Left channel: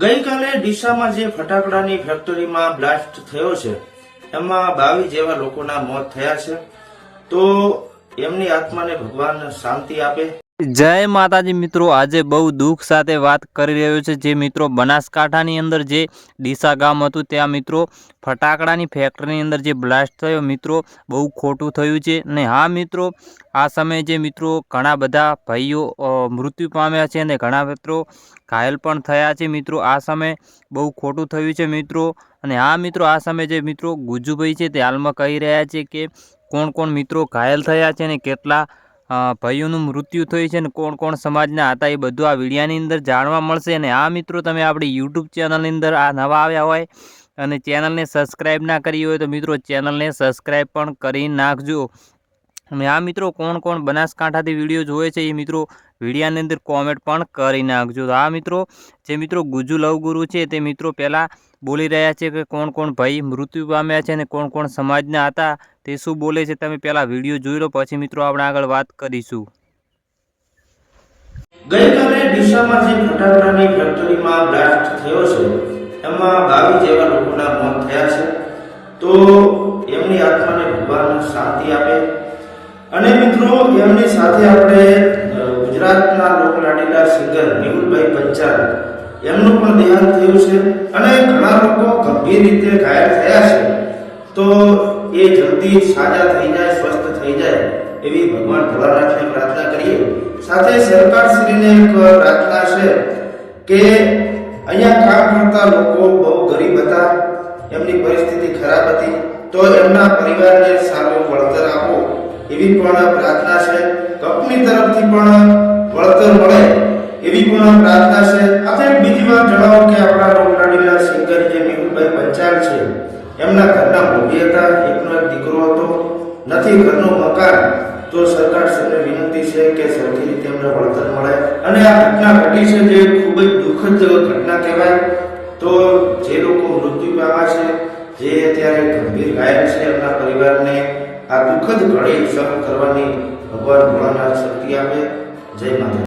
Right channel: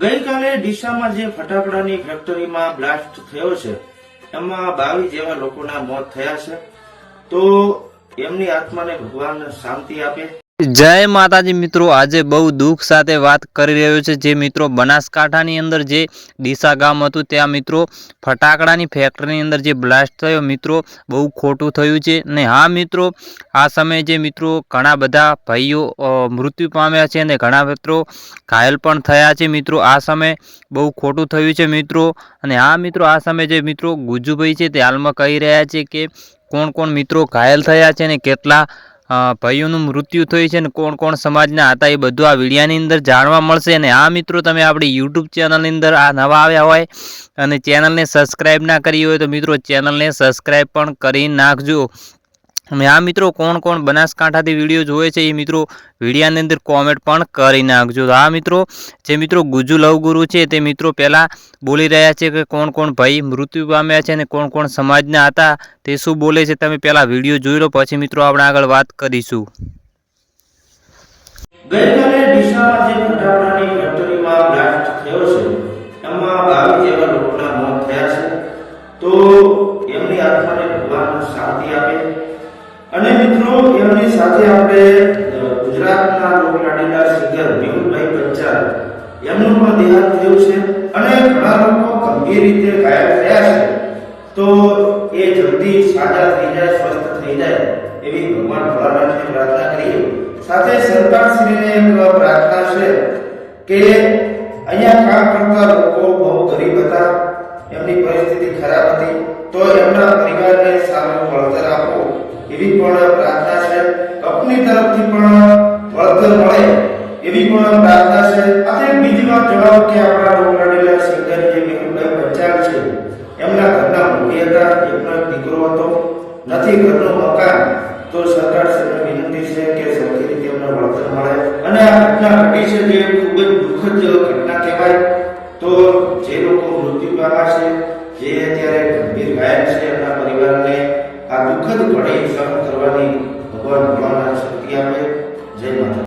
ગઈકાલે ડીસામાં જે ફટાકડાની ફેક્ટરીમાં બ્લાસ્ટ થયો છે એમાં 22 જેવા લોકોના મોત થયા છે, તો એમની આત્માને ભગવાન શાંતિ આપે। જય માતાજી મિત્રો, આજે બહુ દુઃખ સાથે વાત કરી રહ્યો છે જે મિત્રો બનાસકાંઠાની અંદર જે ડીસા ગામ હતું ત્યાં મિત્રો ફટાકડાની ફેક્ટરીની અંદર જે બ્લાસ્ટ થયો મિત્રો બહુ ખોટું થયું છે। અને હા મિત્રો, આ સમયે જે મિત્રો ઘણા બધા ભાઈઓ મૃત્યુ પામ્યા છે અને ઘણા મિત્રો ઘાયલ પણ થયા છે। મિત્રો આ સમયે બહુ ખોટું થયું છે મિત્રો। અને હા મિત્રો, આ સમયે જે મિત્રો ગુજ્જુભાઈ છે તે હાલમાં કહી રહ્યા છે કે કોણ કોણ મિત્રો ઘાયલ થયા છે અને કેટલા ભાઈઓનું મૃત્યુ થયું છે અને કોણ કોણ સમાજના હતા એ બધું આ વિડીયોની અંદર જાણવા મળશે। અને આ મિત્રો, તમે આપણી યુટ્યુબ ચેનલની અંદર આ નવા આવ્યા હોય અને ચેનલને સબસ્ક્રાઈબ ના કરી હોય તો મિત્રો ચેનલને સબસ્ક્રાઈબ પણ કરી નાખજો। અને આ મિત્રો, કોણ કોણ બનાસકાંઠાથી વિડીયો જોવે છે એ મિત્રો વિડીયોની અંદર કોમેન્ટ પણ કરી નાખજો। આ મિત્રો, જે મિત્રો ગુજ્જુ લવગુરુ છે તે મિત્રો પહેલાં બોલી રહ્યા છે કે કોણ કોણ ભાઈ મૃત્યુ પામ્યા છે અને કોણ કોણ સમાજના હતા તે શું બોલે છે તમે પહેલાં વિડીયો જોઈ લો, પછી મિત્રો આપણે આગળ વાત કરીશું। ગઈકાલે ડીસામાં જે ફટાકડાની ફેક્ટરીમાં બ્લાસ્ટ થયો છે એમાં 22 જેવા લોકોના મોત થયા છે, તો એમની આત્માને ભગવાન શાંતિ આપે। અને મિત્રો, એમની સાથે આપણે ગુજરાતના લોકલાડીલા સિંગર મેહુલભાઈ પંચાલ એમનું પણ દેહાંત થયું છે અને ઘણા લોકો ગંભીર રીતે ઘાયલ થયા છે, તો એ જલ્દી સાજા થઈ જાય, સ્વસ્થ થઈ જાય એવી ભગવાન ભોળાનાથને પ્રાર્થના કરીએ। સાથે સરકારશ્રીને એક પ્રાર્થના છે કે અહીંયા કામ કરતા લોકો બહુ ગરીબ હતા, એમની પરિસ્થિતિ ખરાબ હતી, તો એમના પરિવારને સારું વળતર આપો એવી પણ પ્રાર્થના છે। કંપની તરફથી પણ વળતર મળે એવી પણ પ્રાર્થના છે। આજે બીજી વાત જણાવો કે આપણા લોકલાડીલા સિંગર જે મેહુલભાઈ પંચાલ છે એમના ઘરના મોભી હતા, એકનો એક દીકરો હતો, નથી ઘરનું મકાન, તો સરકારશ્રીને વિનંતી છે કે સરખી રીતે એમને વળતર મળે। અને આ ઘટના ઘટી છે જે ખૂબ જ દુઃખદ ઘટના કહેવાય। તો જે લોકો મૃત્યુ પામ્યા છે, જે અત્યારે ગંભીર ઘાયલ છે, એમના પરિવારને આ દુઃખદ ઘડી સહન કરવાની ભગવાન ભોળાનાથ શક્તિ આપે। જય માતા।